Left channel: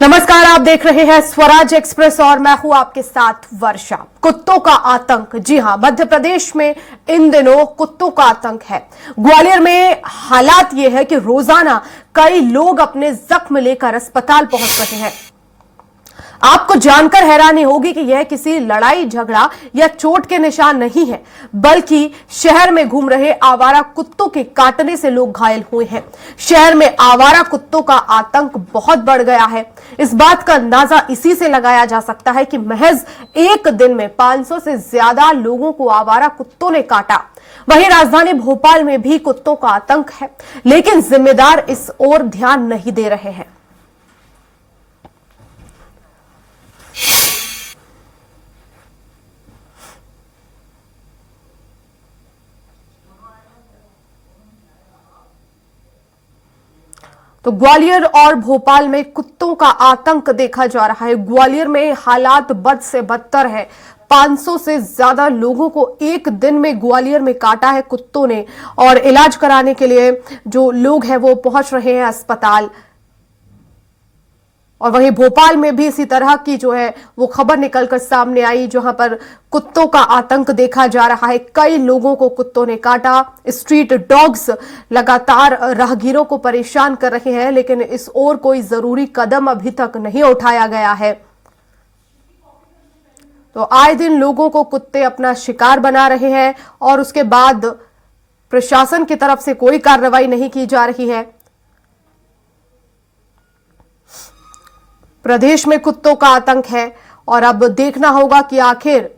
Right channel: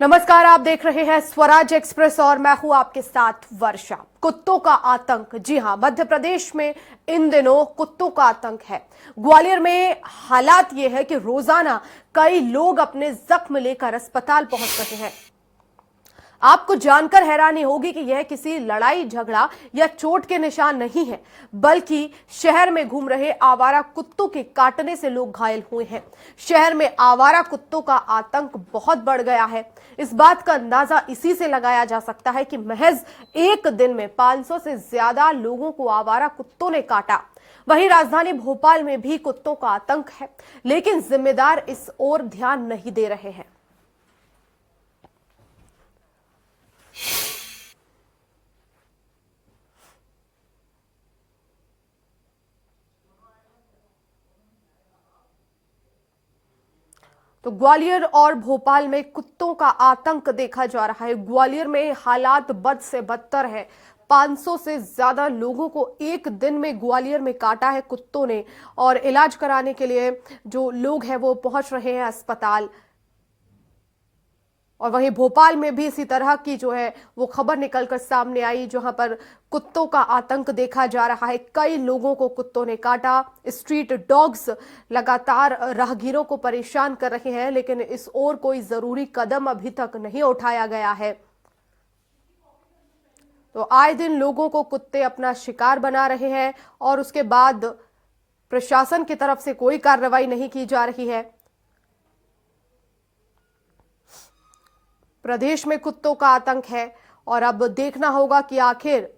नमस्कार, आप देख रहे हैं स्वराज एक्सप्रेस और मैं हूं आपके साथ वर्षा। कुत्तों का आतंक, जी हां, मध्य प्रदेश में इन दिनों कुत्तों का आतंक है। ग्वालियर में हालात यह है कि रोजाना कई लोग अपने जख्म लेकर अस्पताल पहुंच रहे हैं। आपको जानकर हैरानी होगी कि यह किसी लड़ाई झगड़ा या चोट के निशान नहीं है, बल्कि शहर में घूम रहे आवारा कुत्तों के काटने से लोग घायल हुए हैं। शहर में आवारा कुत्तों का आतंक बहुत बढ़ गया है। इस बात का अंदाजा इसी से लगाया जा सकता है कि महज एक दिन में 500 से ज्यादा लोगों को आवारा कुत्तों ने काटा। वहीं राजधानी भोपाल में भी कुत्तों का आतंक है, लेकिन जिम्मेदार इस ओर ध्यान नहीं दे रहे हैं। तो ग्वालियर और भोपाल में कुत्तों का आतंक देखा जा रहा है। ग्वालियर में हालात बद से बदतर है। 500 से ज्यादा लोगों को एक दिन में ग्वालियर में काटा है कुत्तों ने, और इलाज कराने के लिए जो लोग हैं वो पहुंच रहे हैं अस्पताल। और वहीं भोपाल में भी इसी तरह की जो है वो खबर निकलकर सामने आई, जहां पर कुत्तों का आतंक देखा जा रहा है। कई लोगों को कुत्तों ने काटा। स्ट्रीट डॉग्स लगातार राहगीरों को परेशान कर रहे हैं, लेकिन इस ओर कोई जरूरी कदम अभी तक नहीं उठाया गया है। तो आए दिन लोगों को कुत्ते अपना शिकार बना रहे हैं और उसके बाद प्रशासन की तरफ से कोई कार्रवाई नहीं की जा रही है। प्रदेश में कुत्तों का आतंक है और अब देखना होगा कि आखिर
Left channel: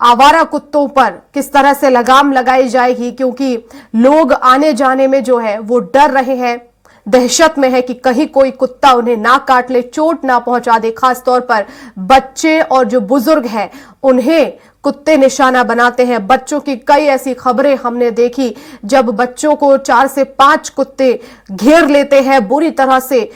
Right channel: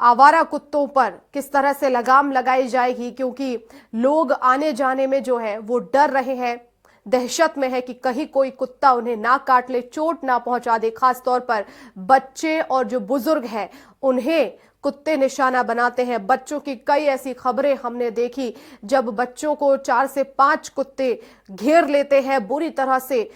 आवारा कुत्तों पर किस तरह से लगाम लगाई जाएगी, क्योंकि लोग आने जाने में जो है वो डर रहे हैं, दहशत में है कि कहीं कोई कुत्ता उन्हें ना काट ले, चोट ना पहुंचा दे। खास तौर पर बच्चे और जो बुजुर्ग हैं उन्हें कुत्ते निशाना बनाते हैं। बच्चों की कई ऐसी खबरें हमने देखी जब बच्चों को 4 से 5 कुत्ते घेर लेते हैं, बुरी तरह से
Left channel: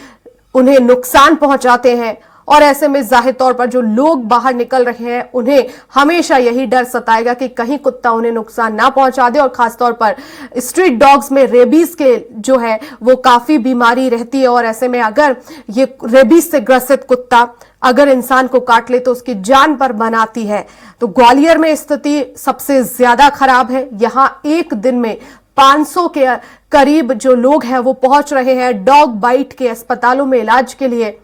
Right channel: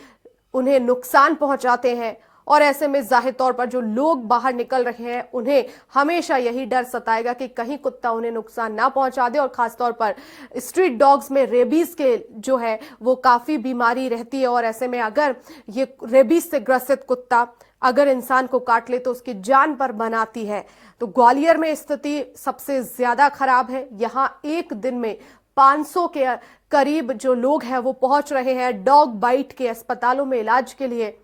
उन्हें नुकसान पहुंचाते हैं। और ऐसे में जाहिर तौर पर जो लोग बाहर निकल रहे हैं उन्हें हमेशा यही डर सताएगा कि कहीं कुत्ता उन्हें नुकसान ना पहुंचा दे। और खासतौर पर स्ट्रीट डॉग्स में रेबीज के जो है वो काफी बीमारी रहती है, और ऐसे में अगर ये रेबीज से ग्रसित कुत्ता अगर इंसान को काट ले तो उसकी जान पर बनाती है। तो ग्वालियर में स्थिति सबसे ज्यादा खराब है। यहां एक दिन में 500 के करीब जो लोग हैं वो पहुंच रहे हैं डॉग बाइट के अस्पतालों में इलाज के लिए।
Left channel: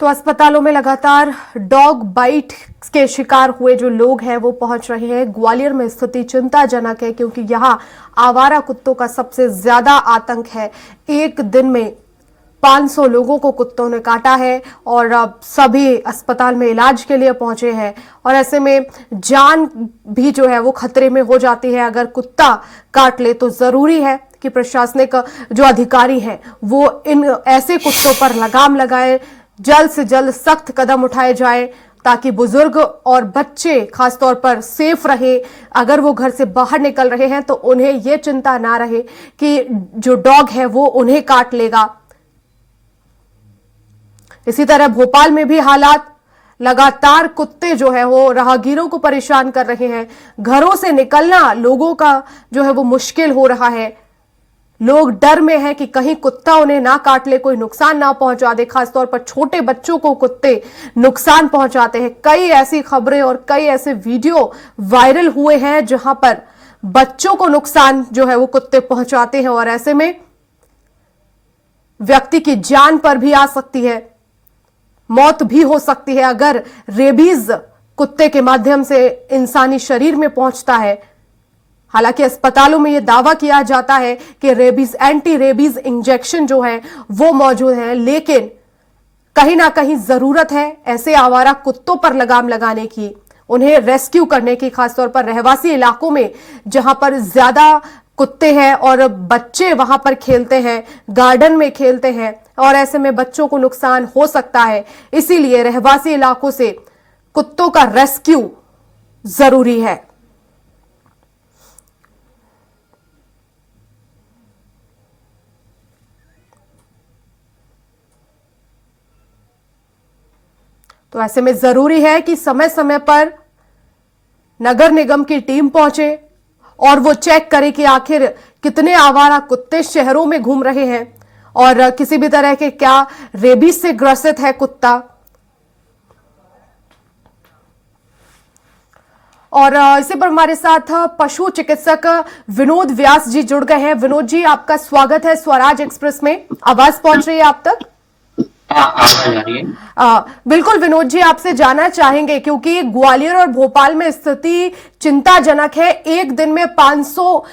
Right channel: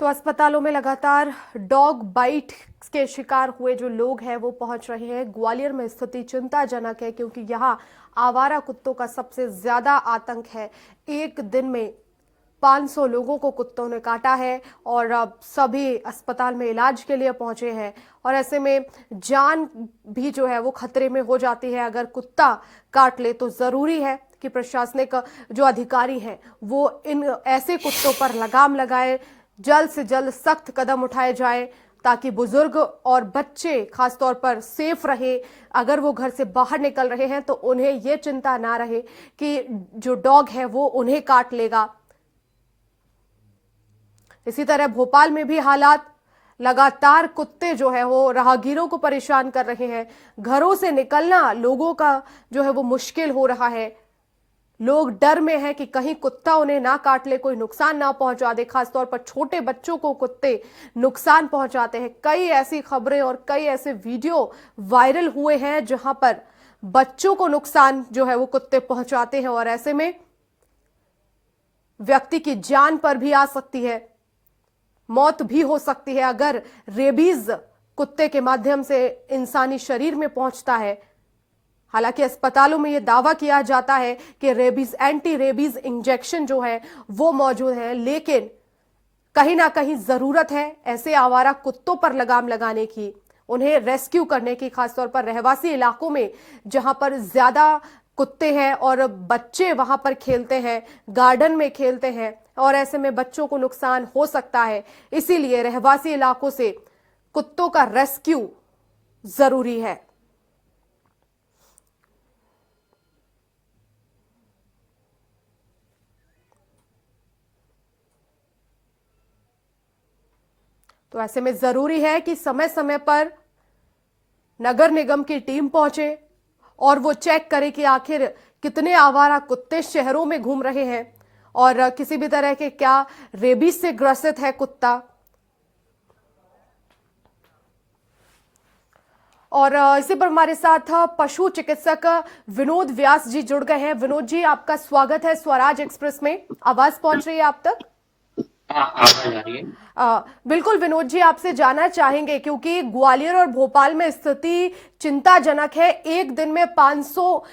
तो अस्पतालों में लगातार डॉग बाइट के शिकार हुए जो लोग हैं वो पहुंच रहे हैं। ग्वालियर में स्थिति चिंताजनक है, क्योंकि यहां आवारा कुत्तों का सबसे ज्यादा आतंक है। एक दिन में 500 लोगों को कुत्तों ने काटा है और अब सभी अस्पताल में इलाज के लिए पहुंचे हैं। और ऐसे में जान भी जो है वो खतरे में हो जाती है अगर कुत्ता काट ले। तो जरूरी है कि प्रशासनिक जो अधिकारी हैं वो इन ऐसे कुत्तों पर लगाम लगाए, जल्द से जल्द सख्त कदम उठाए जाए, ताकि बुजुर्ग और बच्चे खासतौर पर सेफ रहे। अगर वो घर से बाहर निकल रहे हैं तो उन्हें यह चिंता ना रहे कि जो डॉग है वो उन्हें काट लेगा। इसी तरह भोपाल में भी हालात, लगातार कुत्ते जो है वो राहगीरों को परेशान कर रहे हैं। घरों से निकलना लोगों का जो है वो मुश्किल हो रहा है। लोग डर में हैं कि कहीं कुत्ता उन्हें ना काट ले, कोई नुकसान ना पहुंचा दे। खासतौर पर छोटे बच्चों को कुत्ते नुकसान पहुंचाते हैं। कई ऐसी खबरें और कई ऐसे वीडियो वायरल हुए हैं जहां पर बच्चों को नुकसान जो है वो कुत्ते पहुंचाते हैं, और ऐसे में व्यक्ति की जान पर भी आ सकती है। मौत भी हो सकती है अगर रेबीज कुत्ते के माध्यम से इंसानी शरीर में पहुंचता है। हालांकि अस्पतालों में यह दावा किया जाता है कि रेबीज एंटी रेबीज इंजेक्शन जो है वो मौजूद है, लेकिन कहीं ना कहीं जरूरत है ऐसे आवारा कुत्तों पर लगाम लगाने की, उन्हें रेस्क्यू करने की, खासतौर पर रहवासी इलाकों में जहां पर ज्यादा कुत्ते हैं और बच्चे वहां पर खेलते हैं, गार्डन में खेलते हैं, और ऐसे में बच्चों को नुकसान हो सकता है। इसीलिए रहवासी इलाकों से कुत्तों का रेस्क्यू जरूरी है। तो ऐसे में जरूरी है कि समय समय पर नगर निगम की टीम पहुंचे और वो चेक करे कि आखिर कितने आवारा कुत्ते शहरों में घूम रहे हैं और किसी भी तरह के क्या रेबीज से ग्रसित है कुत्ता। और इसी पर हमारे साथ पशु चिकित्सक विनोद व्यास जी जुड़ गए हैं। विनोद जी, आपका स्वागत है स्वराज एक्सप्रेस में। आवाज पहुंच रही है आप तक? बिल्कुल विनोद जी, आपसे जानना चाहेंगे क्योंकि ग्वालियर और भोपाल में स्थिति चिंताजनक है। एक दिन में 500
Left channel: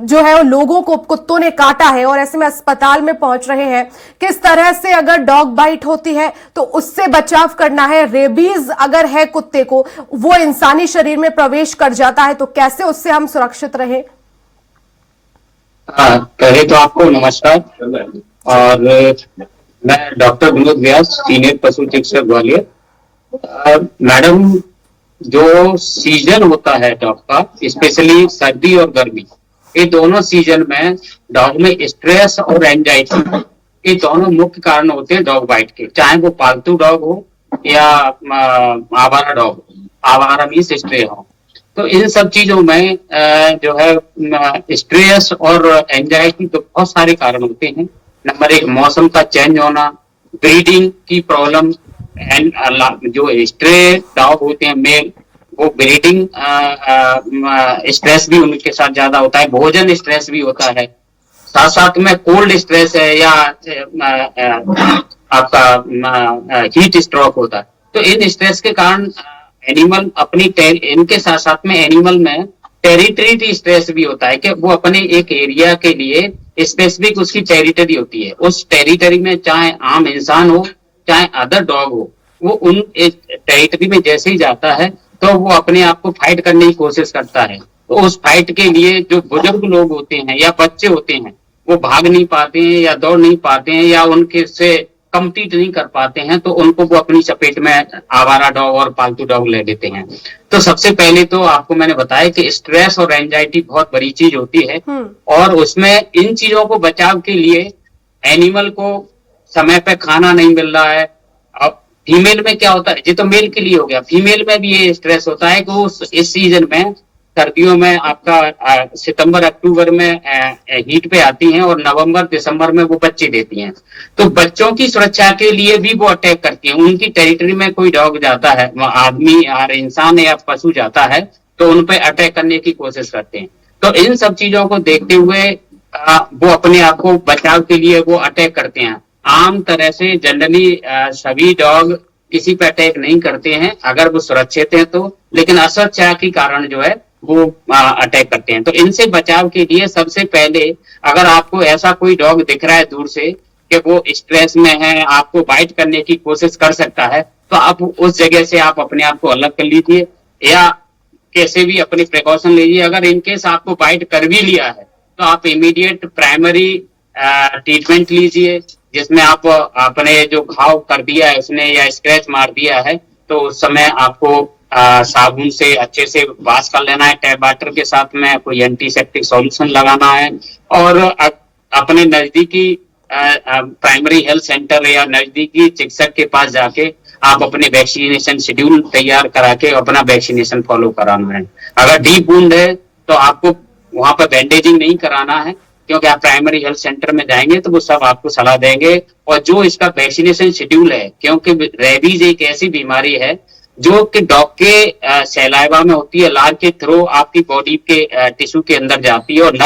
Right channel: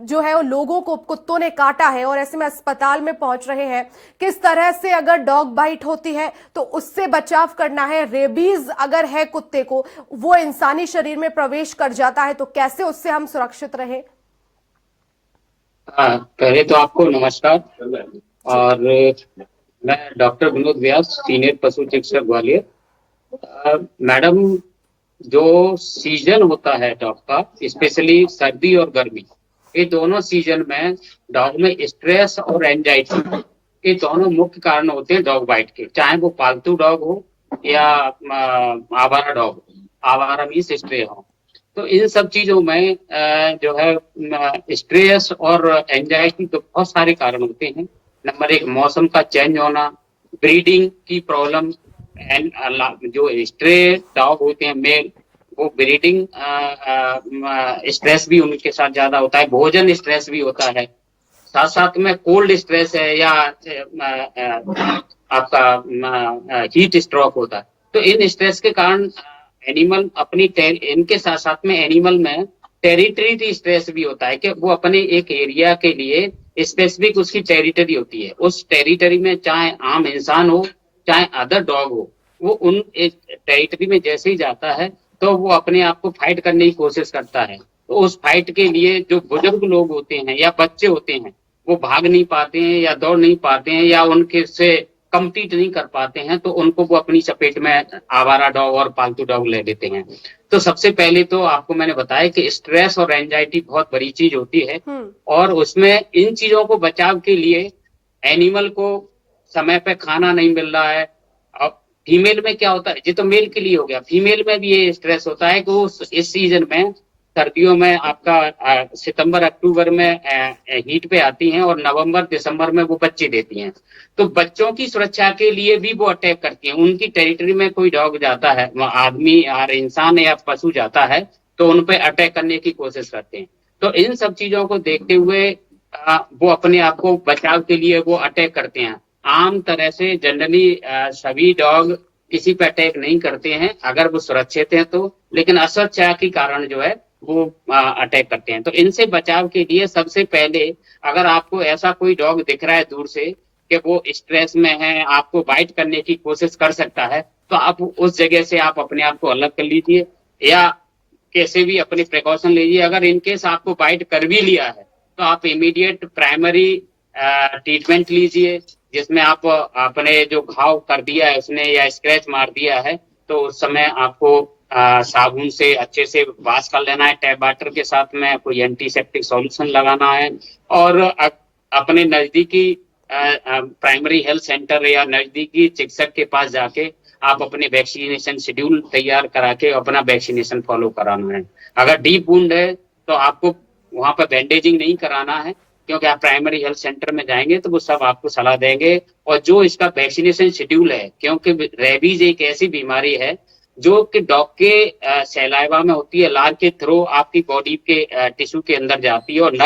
जो है लोगों को कुत्तों ने काटा है और ऐसे में अस्पताल में पहुंच रहे हैं। किस तरह से अगर डॉग बाइट होती है तो उससे बचाव करना है, रेबीज अगर है कुत्ते को, वो इंसानी शरीर में प्रवेश कर जाता है, तो कैसे उससे हम सुरक्षित रहे? पहले तो आपको नमस्कार। और मैं डॉक्टर विनोद व्यास, सीनियर पशु चिकित्सक ग्वालियर। मैडम, जो सीजन होता है डॉग का, स्पेशली सर्दी और गर्मी, ये दोनों सीजन में डॉग में स्ट्रेस और एंजाइटी, ये दोनों मुख्य कारण होते हैं डॉग बाइट के, चाहे वो पालतू डॉग हो या आवारा डॉग हो। आवारा मीन्स स्ट्रे हो। तो इन सब चीजों में जो है स्ट्रेस और एंजाइटी तो बहुत सारे कारण होते हैं। नंबर 1, मौसम का चेंज होना, ब्रीडिंग की प्रॉब्लम, एंड जो स्ट्रे डॉग होते हैं मेल, वो ब्रीडिंग स्ट्रेस भी उनके साथ ज्यादा होता है, भोजन स्ट्रेस भी होता है, साथ साथ में कोल्ड स्ट्रेस है या आपका हीट स्ट्रोक होता है। तो इन स्ट्रेस के कारण एनिमल अपनी इनके साथ साथ में एनिमल में टेरिटरी स्ट्रेस भी होता है कि वो अपने एक एरिया के लिए स्पेसिफिक उसकी टेरिटरी होती है। उस टेरिटरी में चाहे आम इंसान हो चाहे अदर डॉग हो, वो उन टेरिटरी में जैसे ही जाता है तो वो अपने आप को फाइट करने की कोशिश करता है। तो उस फाइट के लिए जो बुजुर्ग लोग होते हैं या बच्चे होते हैं, वो भाग नहीं पाते हैं या दौड़ नहीं पाते हैं या उनके से कम्पीट नहीं कर पाते हैं, तो उनको वो अपनी चपेट में आवारा डॉग और पालतू डॉग ले लेते हैं। तो सबसे पहले तो आपको मैंने बताया कि स्ट्रेस और एंजाइटी बहुत बड़ी चीज होती है, और उसमें इन चीजों को बचाव के लिए एनिमल को समय पे खाना नहीं मिल रहा है। अब फीमेल में क्या होता है, ये तो मेल के लिए हो गया, फीमेल में भी ये स्ट्रेस होता है कि वो इस सीजन में, सर्दियों में आपका सितंबर अक्टूबर में हीट पे आती हैं और नवंबर दिसंबर में वो बच्चे देती हैं। तो बच्चों की सुरक्षा के लिए भी वो अटैक करती हैं। उनकी टेरिटरी में कोई डॉग जाता है, आदमी और इंसान या पशु जाता है, तो उन पे अटैक करने की कोशिश करते हैं। तो इन सब चीजों को देखते हुए वो अपने आप को बचाव के लिए वो अटैक करते हैं। आम तरह से जनरली सभी डॉग किसी पे अटैक नहीं करते हैं अगर वो सुरक्षित हैं तो, लेकिन असुरक्षा के कारण जो है वो अटैक करते हैं। तो इनसे बचाव के लिए सबसे पहले, अगर आपको ऐसा कोई डॉग दिख रहा है दूर से कि वो स्ट्रेस में है, आपको बाइट करने की कोशिश कर सकता है, तो आप उस जगह से आप अपने आप को अलग कर लीजिए या कैसे भी अपनी प्रिकॉशन लीजिए। अगर इनकेस आपको बाइट कर भी लिया है तो आप इमीडिएट प्राइमरी ट्रीटमेंट लीजिए, जिसमें आप अपने जो घाव कर दिया है उसने या स्क्रैच मार दिया है, तो उस समय आपको साबुन से अच्छे से वॉश कर लेना है, टैप वाटर के साथ में कोई एंटीसेप्टिक सॉल्यूशन लगाना है, और अपने नजदीकी प्राइमरी हेल्थ सेंटर या नजदीकी चिकित्सक के पास जाके आप अपने वैक्सीनेशन शेड्यूल तैयार करा के अपना वैक्सीनेशन फॉलो कराना है। अगर डीप वुंड है तो आपको वहां पर बैंडेजिंग नहीं कराना है, क्योंकि आप प्राइमरी हेल्थ सेंटर में जाएंगे तो वो सब आपको सलाह देंगे। और जो इसका वैक्सीनेशन शेड्यूल है, क्योंकि रेबीज एक ऐसी बीमारी है जो कि डॉग के सैलाइवा में होती है, लार के थ्रू आपकी बॉडी के टिश्यू के अंदर जाती है और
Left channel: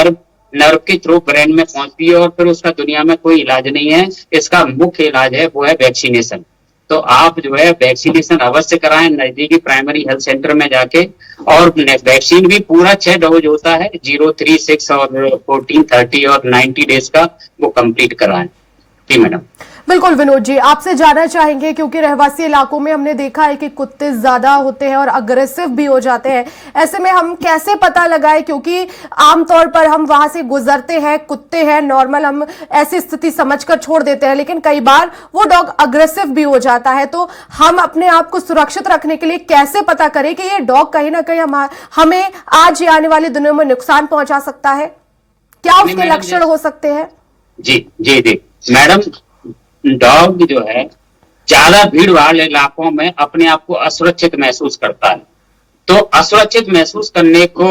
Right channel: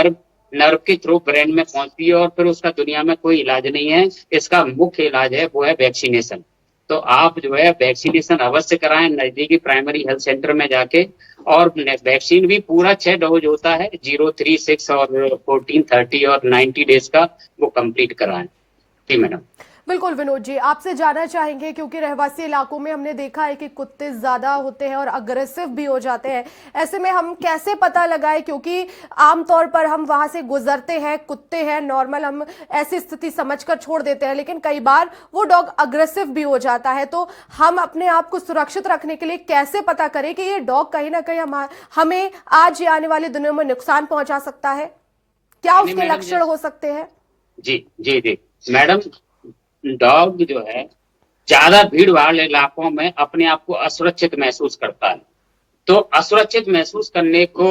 नर्व के थ्रू ब्रेन में पहुंचती है, और फिर उसका दुनिया में कोई इलाज नहीं है। इसका मुख्य इलाज है वो है वैक्सीनेशन। तो आप जो है वैक्सीनेशन अवश्य कराएं नजदीकी प्राइमरी हेल्थ सेंटर में जाके। और वैक्सीन भी पूरा 6 डोज होता है, 0, 3, 6 और 14, 30 और 90 डेज का, वो कंप्लीट कराएं। जी मैडम। बिल्कुल विनोद जी, आपसे जानना चाहेंगे क्योंकि रहवासी इलाकों में हमने देखा है कि कुत्ते ज्यादा होते हैं और अग्रेसिव भी हो जाते हैं। ऐसे में हम कैसे पता लगाएं, क्योंकि आमतौर पर हम वहां से गुजरते हैं, कुत्ते हैं नॉर्मल, हम ऐसी स्थिति समझकर छोड़ देते हैं, लेकिन कई बार वो डॉग अग्रेसिव भी हो जाता है। तो हम अपने आप को सुरक्षित रखने के लिए कैसे पता करें कि ये डॉग कहीं ना कहीं हमें आज या आने वाले दिनों में नुकसान पहुंचा सकता है? क्या नहीं उसके मैडम, लक्षण हो सकते हैं? जी जी जी मैडम, डॉग जो है ज्यादा भीड़ वाले इलाकों में अपने आप को असुरक्षित महसूस करता है। तो असुरक्षित महसूस करने को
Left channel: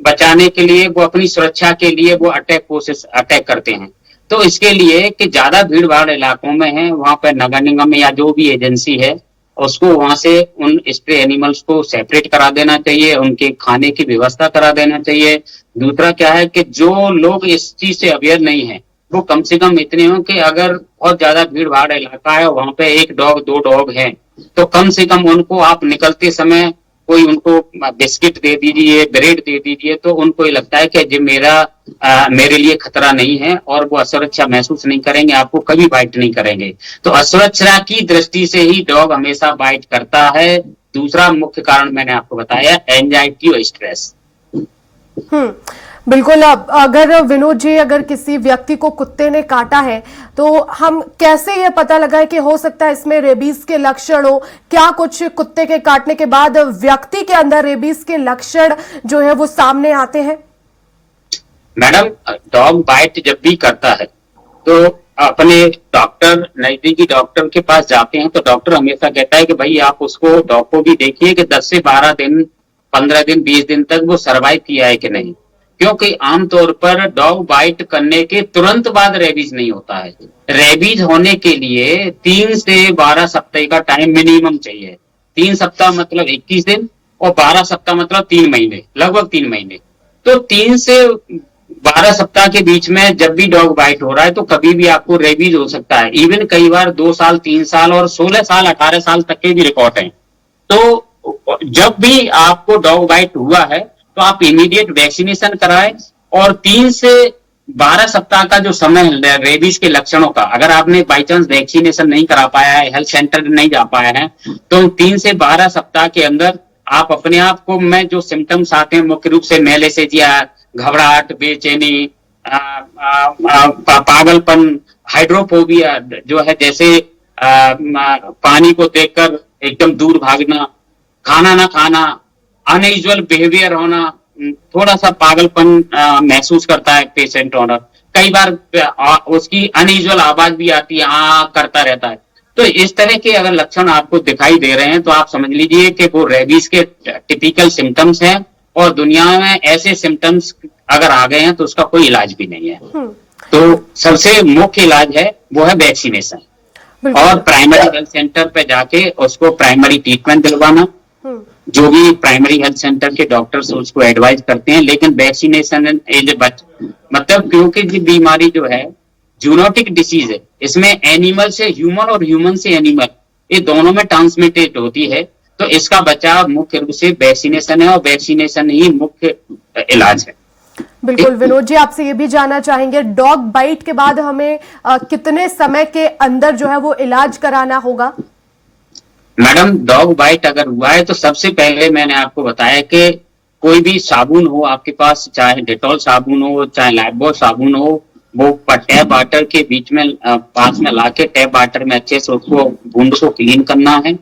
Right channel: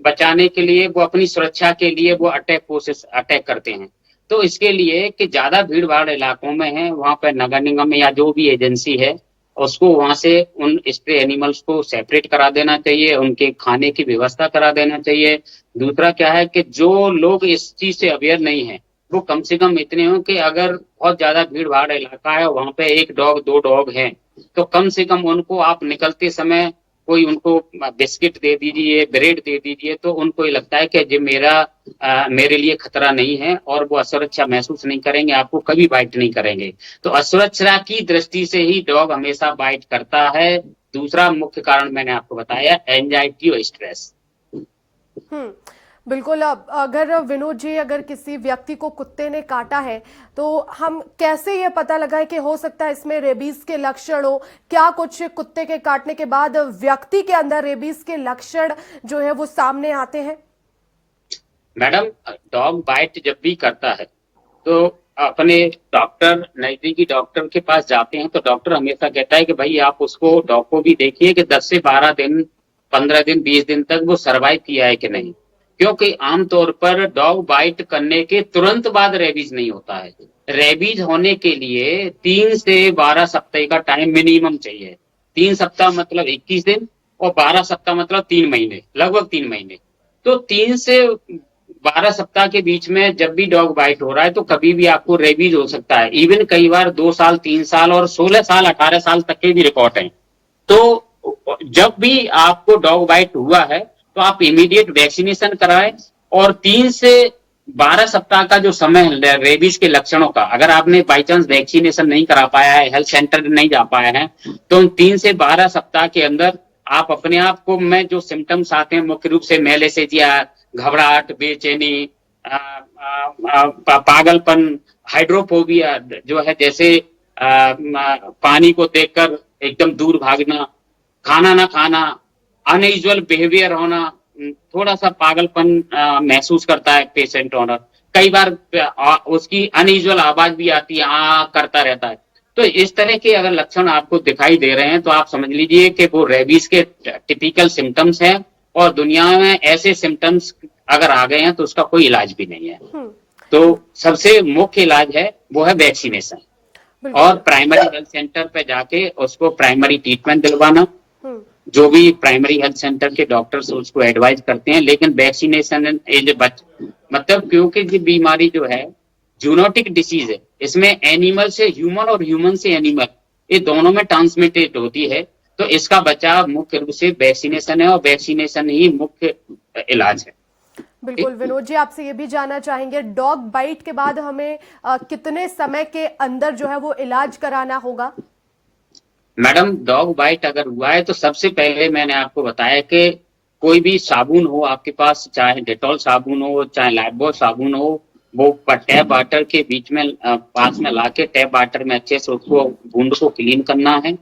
बचाने के लिए, वो अपनी सुरक्षा के लिए वो अटैक करते हैं। तो इसके लिए कि ज्यादा भीड़ भाड़ इलाकों में है, वहां पर नगर निगम या जो भी एजेंसी है उसको वहां से उन स्ट्रे एनिमल्स को सेपरेट करा देना चाहिए, उनके खाने की व्यवस्था करा देना चाहिए। दूसरा क्या है कि जो लोग इस चीज से अवेयर नहीं है, वो कम से कम इतने हो कि अगर बहुत ज्यादा भीड़ भाड़ इलाका है, वहां पे 1 डॉग 2 डॉग है, तो कम से कम उनको आप निकलते समय कोई उनको बिस्किट दे दीजिए, ब्रेड दे दीजिए, तो उनको ये लगता है कि जो मेरे लिए खतरा नहीं है, और वो असुरक्षा महसूस नहीं करेंगे, आपको कभी बाइट नहीं करेंगे। तो असुरक्षा की दृष्टि से ही डॉग हमेशा बाइट करता है। दूसरा मुख्य कारण मैंने आपको बताया, एंजाइटी और स्ट्रेस। बिल्कुल। अब अगर विनोद जी, अगर किसी व्यक्ति को कुत्ते ने काटा है तो हम कैसे ये पता लगाएं कि हो सकता है इसमें रेबीज के लक्षण हो? क्या कुछ कुत्ते के काटने के बाद व्यक्ति के अंदर रेबीज के लक्षण जो है वो सामने आते हैं? मैडम, डॉग बाइट जब भी करता है तो अपने डॉक्टर, नजदीकी डॉक्टर के पास जाते हैं, तो डॉक्टर हमेशा कहता है कि भाई आप उसको, डॉग को भी देखिए कि 10 से 12 दिन, 15 दिन, 20 दिन तक वो सरवाइव किया है कि नहीं। क्योंकि आमतौर पर डॉग बाइट करने के तुरंत बाद रेबीज नहीं होता है। रेबीज होने के लिए 3 से 12 सप्ताह का टाइम मिनिमम चाहिए। 3 सप्ताह मतलब 21 दिन, और 12 सप्ताह मतलब 3 महीने, लगभग 3 महीने। तो 3 से 12 सप्ताह के बीच में जब भी डॉग बाइट हो रहा है, तो कभी भी आपको रेबीज हो सकता है। इवन कई बार 2 साल, 3 साल और 16 साल, 18 साल तक के भी रिकॉर्ड हैं। तो जब भी आपको डॉग बाइट हुआ है, तो आप इमीडिएट वैक्सीनेशन कराएं। और 3 से 12 सप्ताह का जो समय है रेबीज के लक्षणों का, अगर आपने बाई चांस वैक्सीनेशन नहीं करा पाया है, हेल्थ सेंटर नहीं जा पाया है, तो 3 से 12 सप्ताह के अंदर आप अपने आप को में जो सिम्टम्स आते हैं, मुख्य रूप से मैलेसेजिया, घबराहट, बेचैनी, पागलपन, हाइड्रोफोबिया जो है, जैसे पानी को देखकर एकदम दूर भागना, खाना ना खाना, अनयूजुअल बिहेवियर होना, थोड़ा सा पागलपन महसूस करता है पेशेंट ओनर। कई बार उसकी अनयूजुअल आवाज भी आती है, हाँ करता रहता है। तो इस तरह के अगर लक्षण आपको दिखाई दे रहे हैं, तो आप समझ लीजिए कि वो रेबीज के टिपिकल सिम्टम्स हैं। और दुनिया में ऐसे सिम्टम्स अगर आ गए हैं तो उसका कोई इलाज भी नहीं है। तो सबसे मुख्य इलाज है वो है वैक्सीनेशन, और प्राइमरी हेल्थ सेंटर पे जाके उसको प्राइमरी ट्रीटमेंट दिलवाना, जो भी प्राइमरी हेल्थ सेंटर के डॉक्टर्स उसको एडवाइज करते हैं। लेकिन वैक्सीनेशन इज मतलब, क्योंकि ये बीमारी जो है जूनोटिक डिसीज है, इसमें एनिमल से ह्यूमन और ह्यूमन से एनिमल, ये दोनों में ट्रांसमिटेड होती है। तो इसका बचाव मुख्य रूप से वैक्सीनेशन है, और वैक्सीनेशन ही मुख्य इलाज है। बिल्कुल विनोद जी, आपसे ये भी जानना चाहेंगे, डॉग बाइट के बाद हमें कितने समय के अंदर जो है वो इलाज कराना होगा? मैडम, डॉग बाइट अगर हुआ है तो सबसे पहले मैंने आपको बताया कि कोई भी साबुन हो आपके पास, चाहे डेटॉल साबुन हो, चाहे लाइफबॉय साबुन हो, वो टैप वाटर के बीच में पास में लाके टैप वाटर में अच्छे से उसको, बूंद को क्लीन करना है।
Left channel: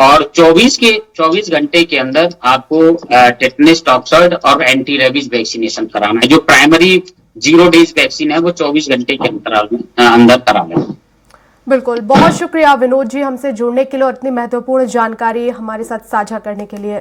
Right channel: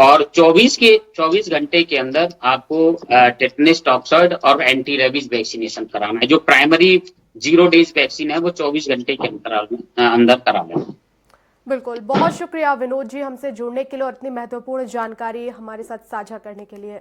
और 24 घंटे के अंदर आपको टेटनस टॉक्साइड और एंटी रेबीज वैक्सीनेशन कराना है। जो प्राइमरी 0 डेज वैक्सीन है वो 24 घंटे के अंतराल में अंदर कराना है। बिल्कुल, बहुत शुक्रिया विनोद जी हमसे जुड़ने के लिए और इतनी महत्वपूर्ण जानकारी हमारे साथ साझा करने के लिए।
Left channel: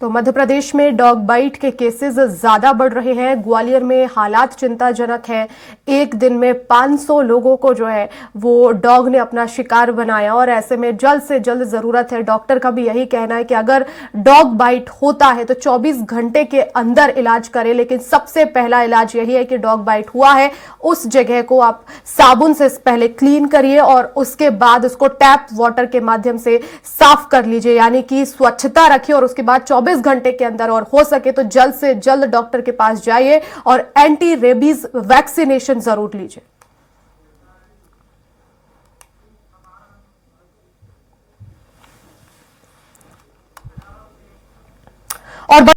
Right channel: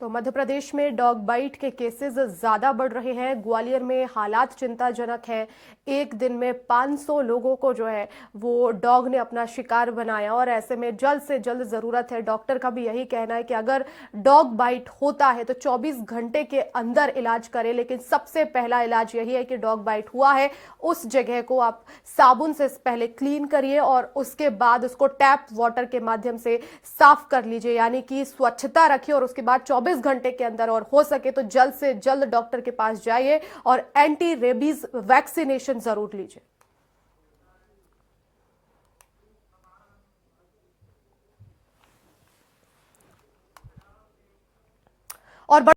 तो मध्य प्रदेश में डॉग बाइट के केसेस ज्यादा बढ़ रहे हैं। ग्वालियर में हालात चिंताजनक है। एक दिन में 500 लोगों को जो है वो डॉग ने अपना शिकार बनाया और ऐसे में जल्द से जल्द जरूरत है, डॉक्टर का भी यही कहना है कि अगर डॉग बाइट होता है तो 24 घंटे के अंदर इलाज करें। लेकिन सबसे पहला इलाज यही है कि डॉग बाइट हुआ है उस जगह को आप साबुन से पहले क्लीन करिए और उसके बाद उसको टैप वाटर के माध्यम से साफ कर लीजिए, यानी कि स्वच्छता रखिए और उसके बाद 24 घंटे के अंदर और हो सके तो जल्द से जल्द डॉक्टर के पास जाइए और एंटी रेबीज वैक्सीनेशन जरूर लीजिए।